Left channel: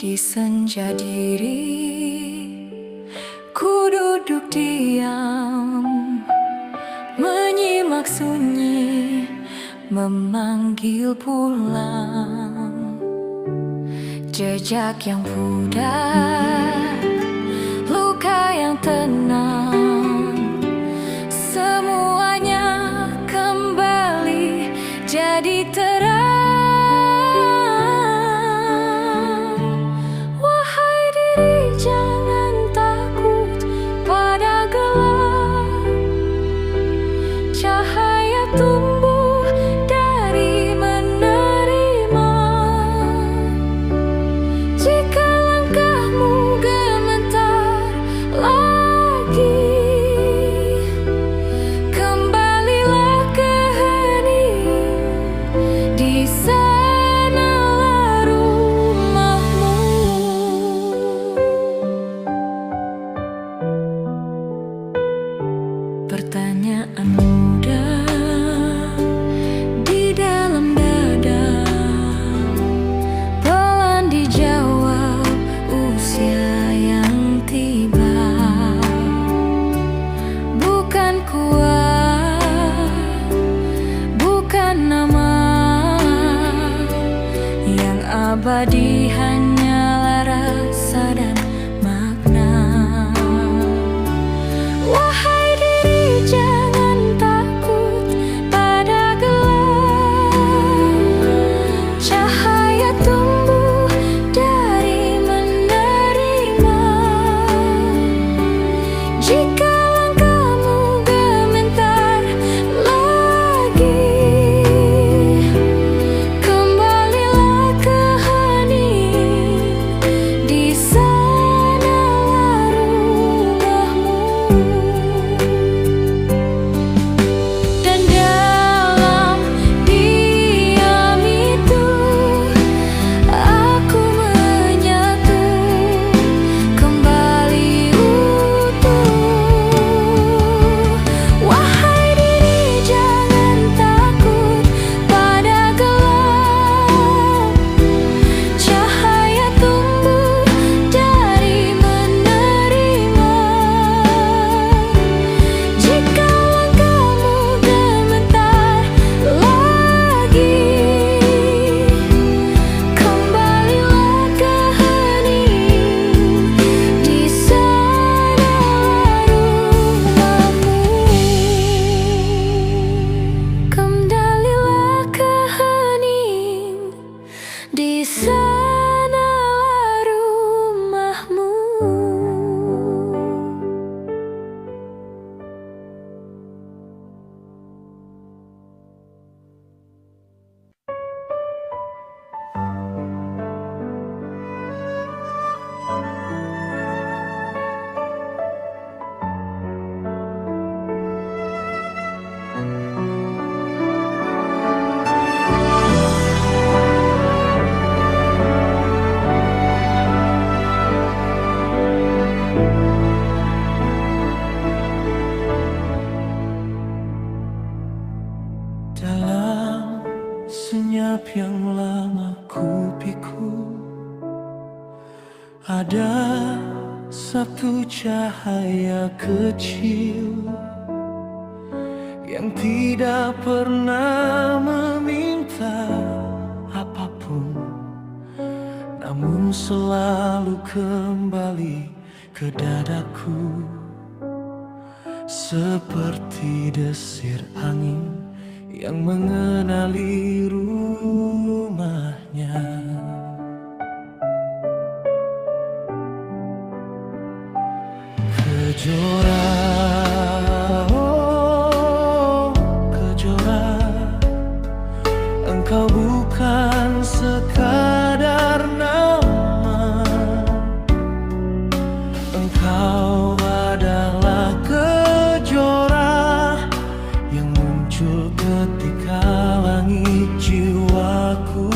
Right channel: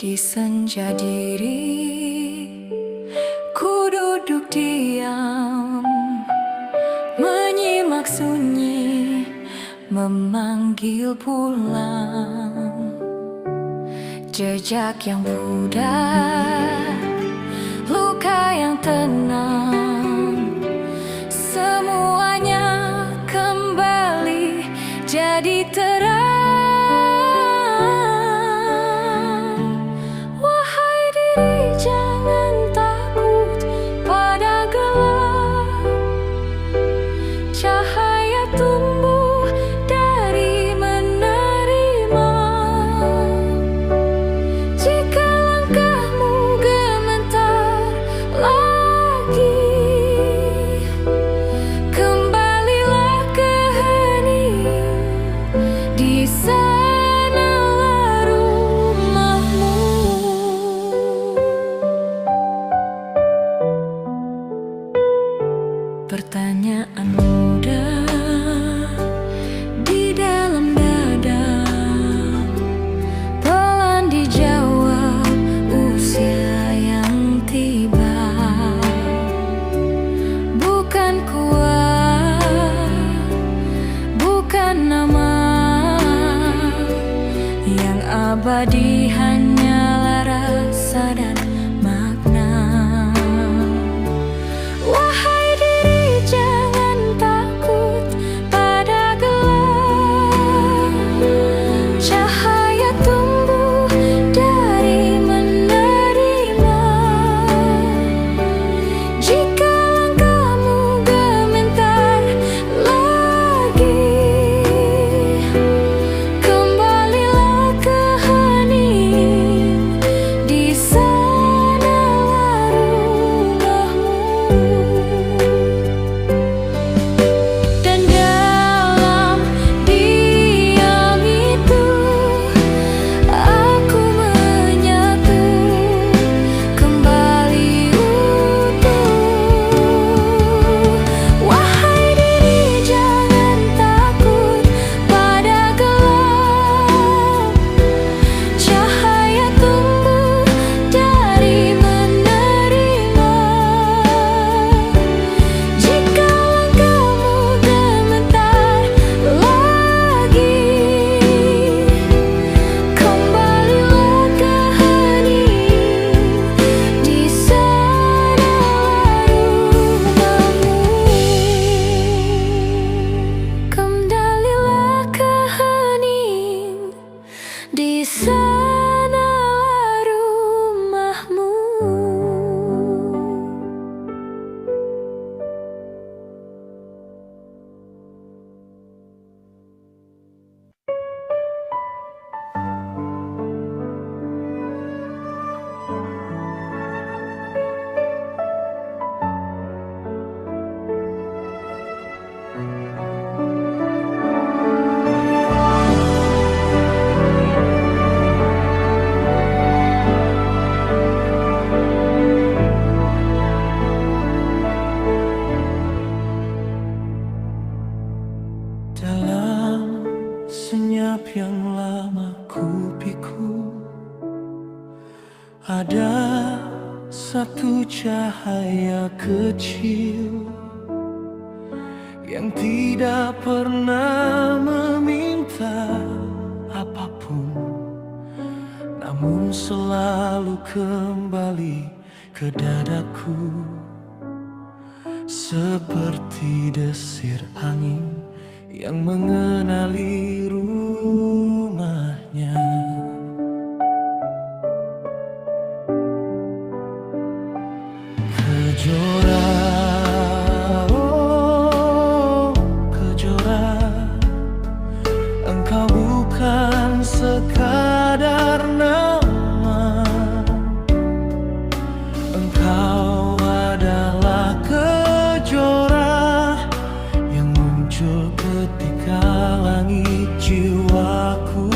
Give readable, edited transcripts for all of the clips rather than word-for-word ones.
Di senja diri, ku duduk diam, menyimak sunyi, memanggil pulang. Jejak yang pudar, luka yang tenang, semuanya kembali jadi terang. Wahai diri, jangan takut pada gelap. Cahaya tumbuh dari menerima. Jika langkahmu gemetar lagi, kembalilah ke hening. Di sanalah rumahmu. Pertanyaan muda di dalam dada, pelan dijawab usia yang tiba. Bukan kuat, bukan nama, yang abadi hanyalah rasa dan makna. Wahai diri, jangan takut pada gelap. Cahaya tumbuh dari menerima. Jika langkahmu gemetar lagi, kembalilah ke hening. Di sanalah rumahmu. Dan dalam diam itu, aku menyatu kembali utuh. Wahai diri, jangan takut pada gelap. Cahaya tumbuh dari menerima. Jika langkahmu gemetar lagi, kembalilah ke hening. Di sanalah rumahmu. Kembalilah ke hening. Di sanalah rumahmu. Dalam senyap yang lama ku pikul, ada satu cahaya kecil yang tidak pernah meminta apapun, namun selalu kembali ke dadaku, seperti desir angin yang mengenali rumahnya. Kejora, oh kejora, engkau bukan sekadar nama. Engkau adalah kejora yang muncul ketika langit jiwaku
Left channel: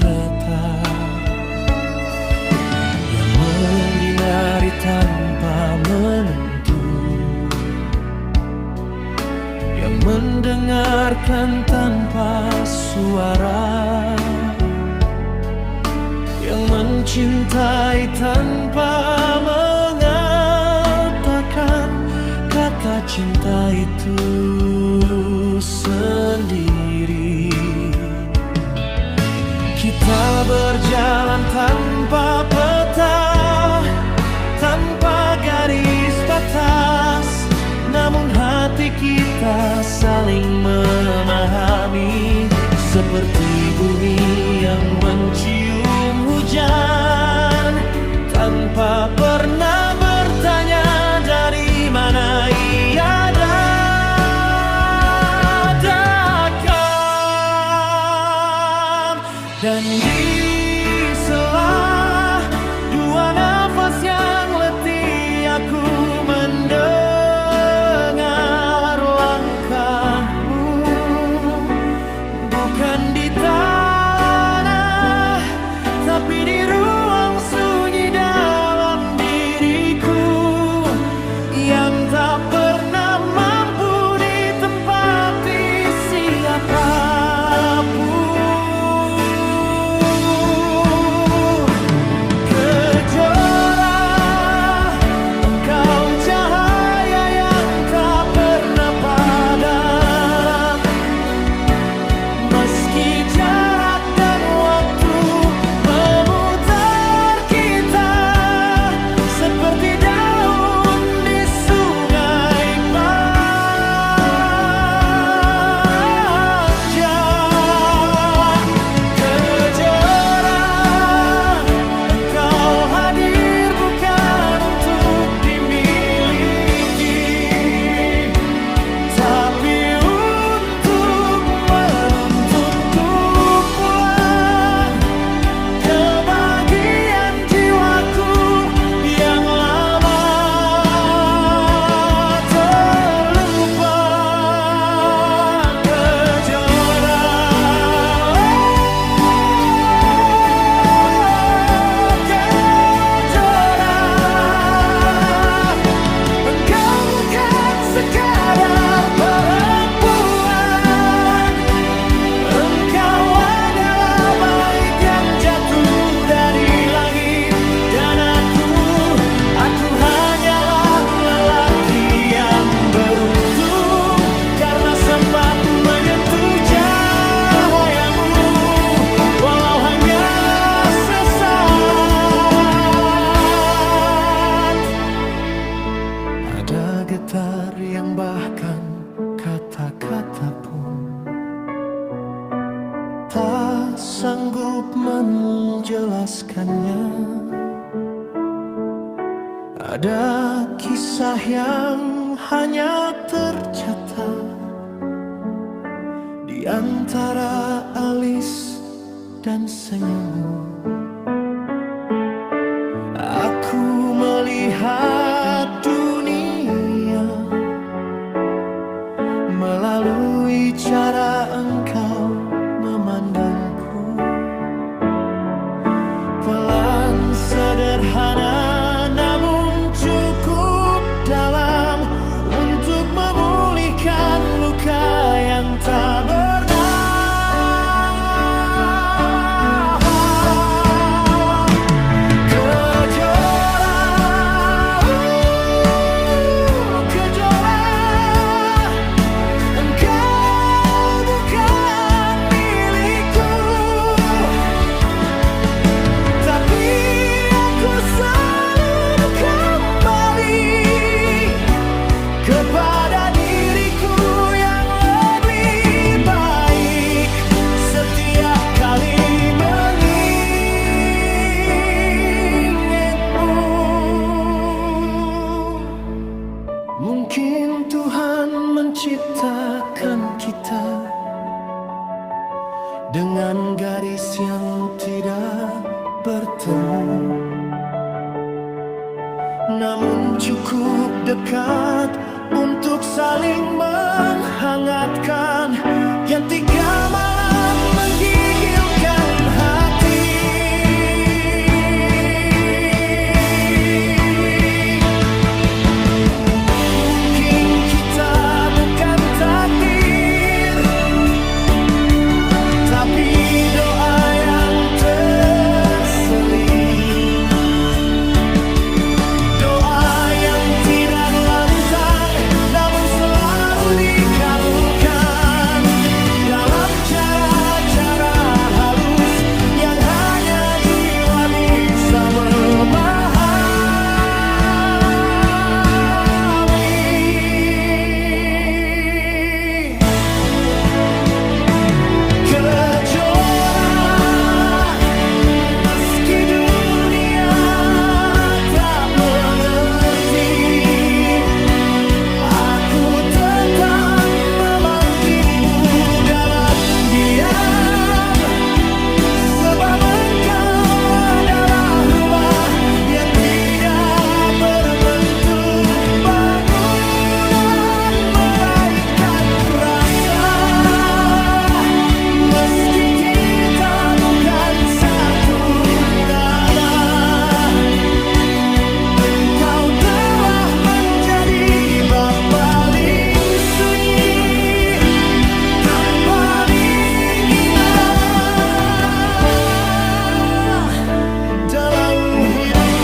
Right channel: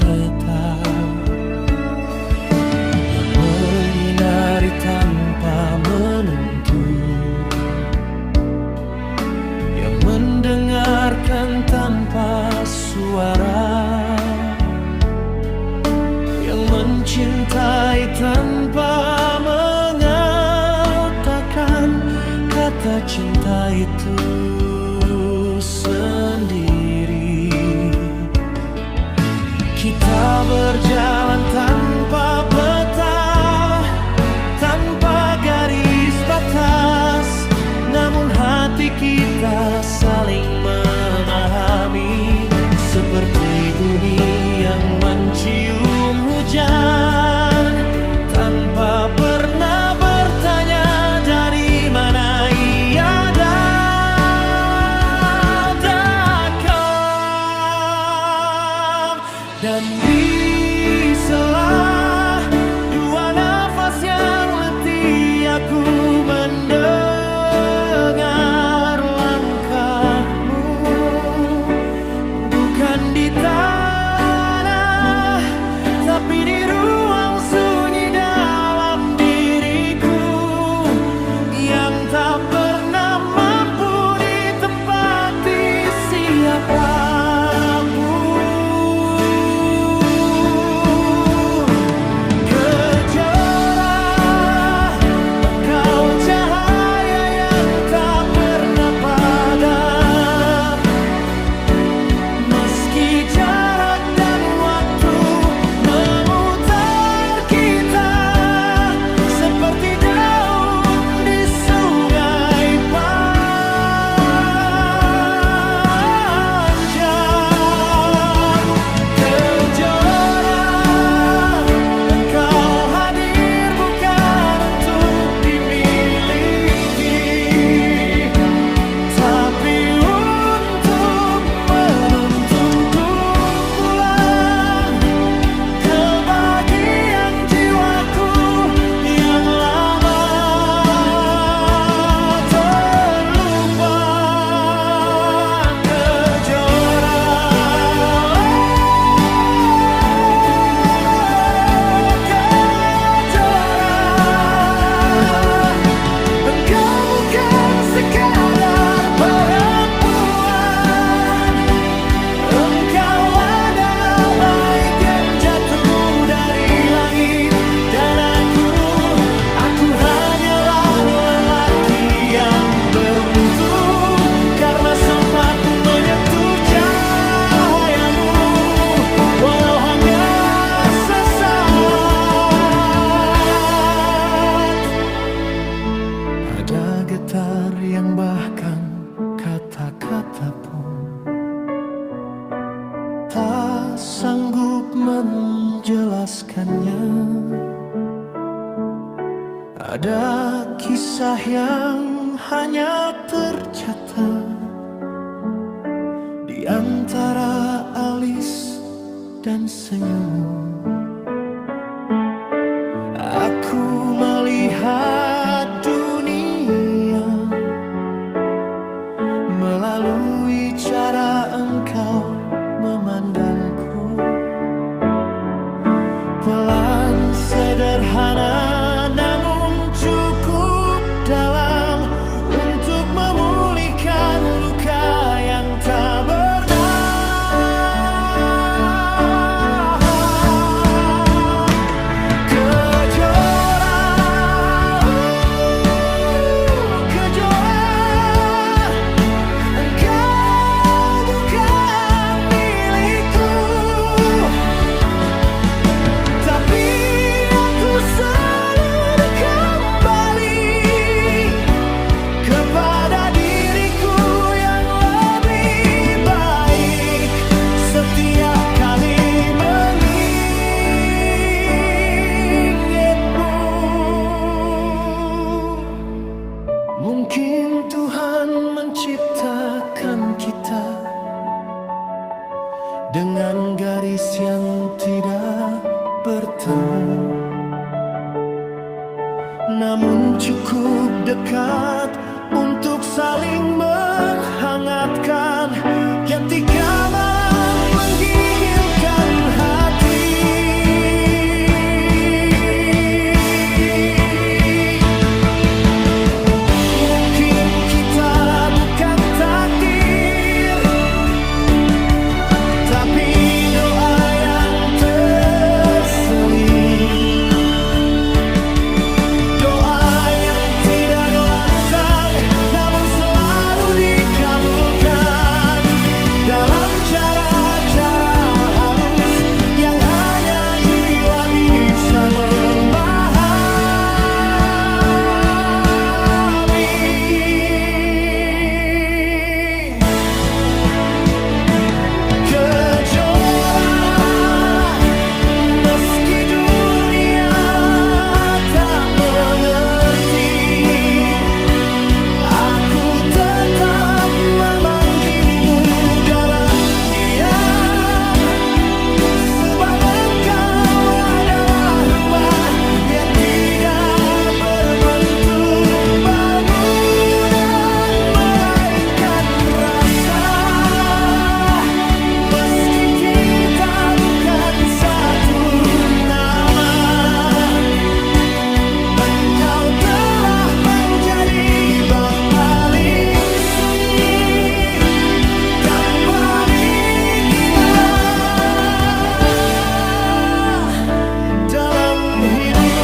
retak, yang menyinari tanpa menentu, yang mendengarkan tanpa suara, yang mencintai tanpa mengatakan kata cinta itu sendiri. Kita berjalan tanpa peta, tanpa garis batas, namun hati kita saling memahami, seperti bumi yang mencium hujan tanpa pernah bertanya dari mana ia datang. Dan di sela dua nafas yang letih, aku mendengar langkahmu, bukan di tanah, tapi di ruang sunyi dalam diriku, yang tak pernah mampu ditempati siapapun. Kejora, engkau cahaya yang tak pernah padam, meski jarak dan waktu memutar kita, seperti daun di sungai panjang. Kejora, engkau hadir bukan untuk dimiliki, tapi untuk menuntunku pulang ke bagian jiwaku yang lama terlupa. Kejora, kejora, engkau bukan sekadar perempuan, engkau adalah bait yang jatuh dari langit. Dan aku hanyalah lelaki yang beruntung, karena sempat menyentuh cahayamu, walau hanya sesaat. Ada getar yang bahkan kata-kata pun tak sanggup menjelaskannya. Ada kisah yang hanya tercatat di antara alis dan senyummu. Aku melihat dunia melalui cara engkau memandangku. Pelan, sederhana, namun cukup dalam untuk memulihkan luka yang tak bernah. Kejora, kejora, engkau bukan milikku, tapi aku selalu kembali kepada diriku yang lebih baik setiap kali mengingatmu. Mungkin Tuhan menciptakan kita dengan garis yang tidak bertemu, namun cukup dekat untuk saling menghangatkan, ketika malam menggigilkan hati. Mungkin kita bukan takdir, tapi doa yang terselit hidup.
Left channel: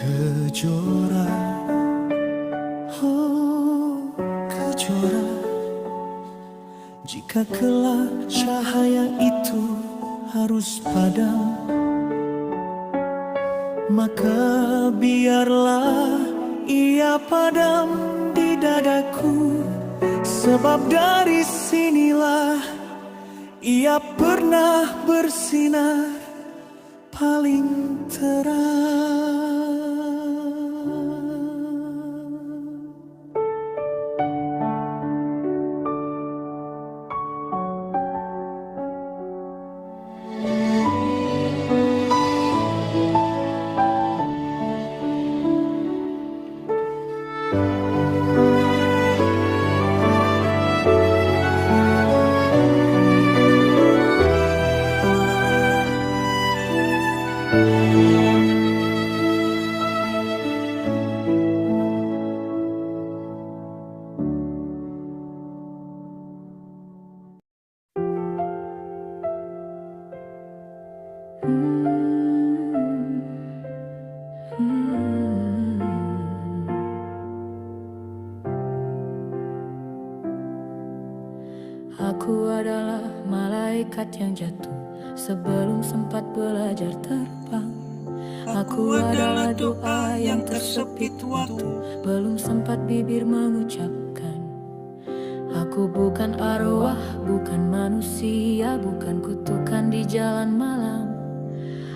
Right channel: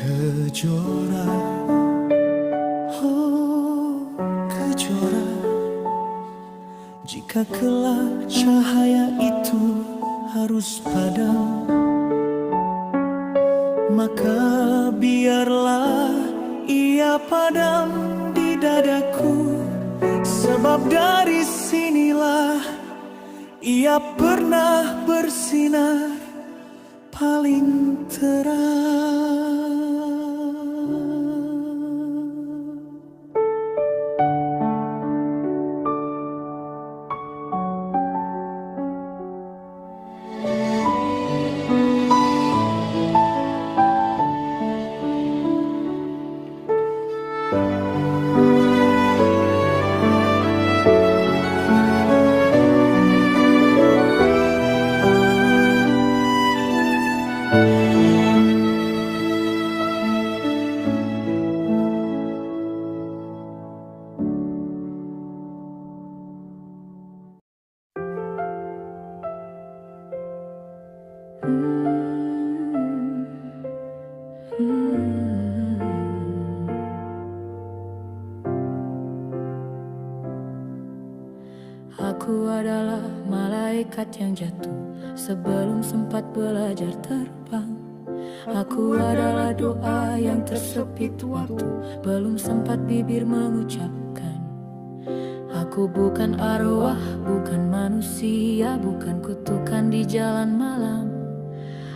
Kejora, oh kejora, jika kelak cahaya itu harus padam, maka biarlah ia padam di dadaku. Sebab dari sinilah ia pernah bersinar paling terang. Aku adalah malaikat yang jatuh sebelum sempat belajar terbang. Aku adalah doa yang tersepit waktu belum sempat bibir mengucapkan. Aku bukan arwah, bukan manusia, bukan kutukan di jalan malam.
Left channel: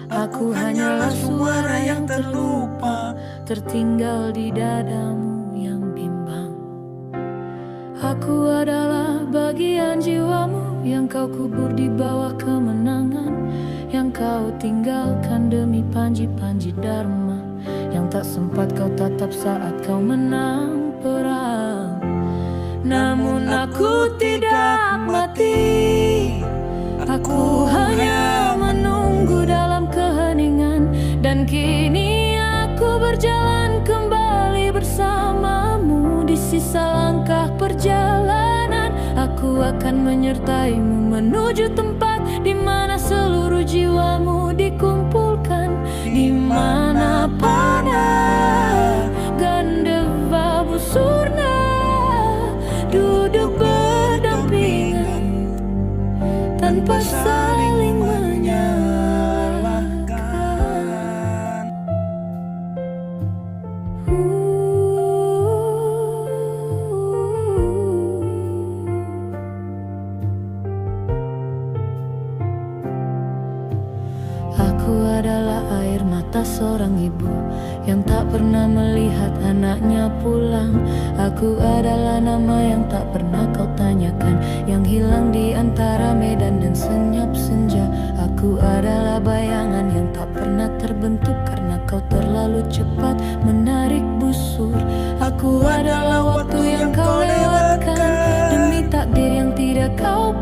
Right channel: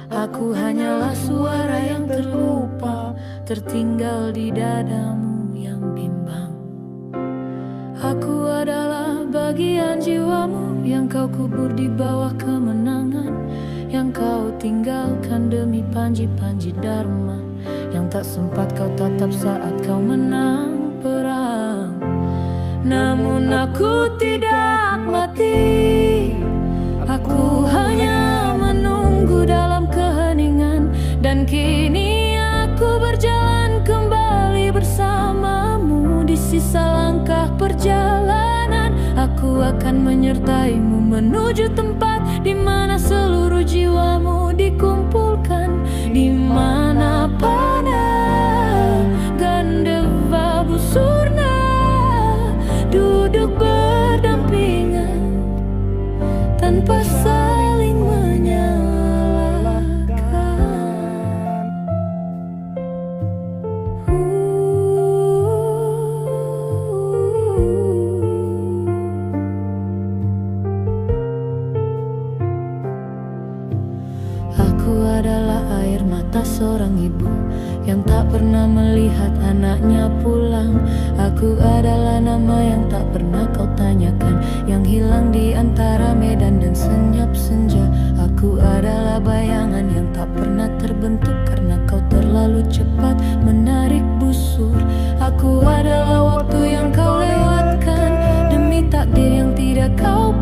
Aku hanyalah suara yang terlupa, tertinggal di dadamu yang bimbang. Aku adalah bagian jiwamu yang kau kubur di bawah kemenangan, yang kau tinggalkan demi panji-panji dharma, yang tak sempat kau tatap saat kau menang perang. Namun aku tidak mati, aku hanya menunggu dalam keheningan. Dan kini aku berjalan kembali bersamamu di sisa langkah perjalanan. Aku akan menyertaimu menuju tempat di mana seluruh jiwamu dikumpulkan, di mana panah Gandeva Busurna duduk berdampingan tanpa saling menyalahkan. Aku adalah air mata seorang ibu yang tak pernah melihat anaknya pulang. Aku adalah nama yang tak pernah kau tanyakan, yang hilang di antara medan dan senyap senja. Aku adalah bayangan yang tak pernah terbentuk karena kau terlalu cepat menarik busur. Aku adalah waktu yang kau lewatkan demi takdir yang tidak kau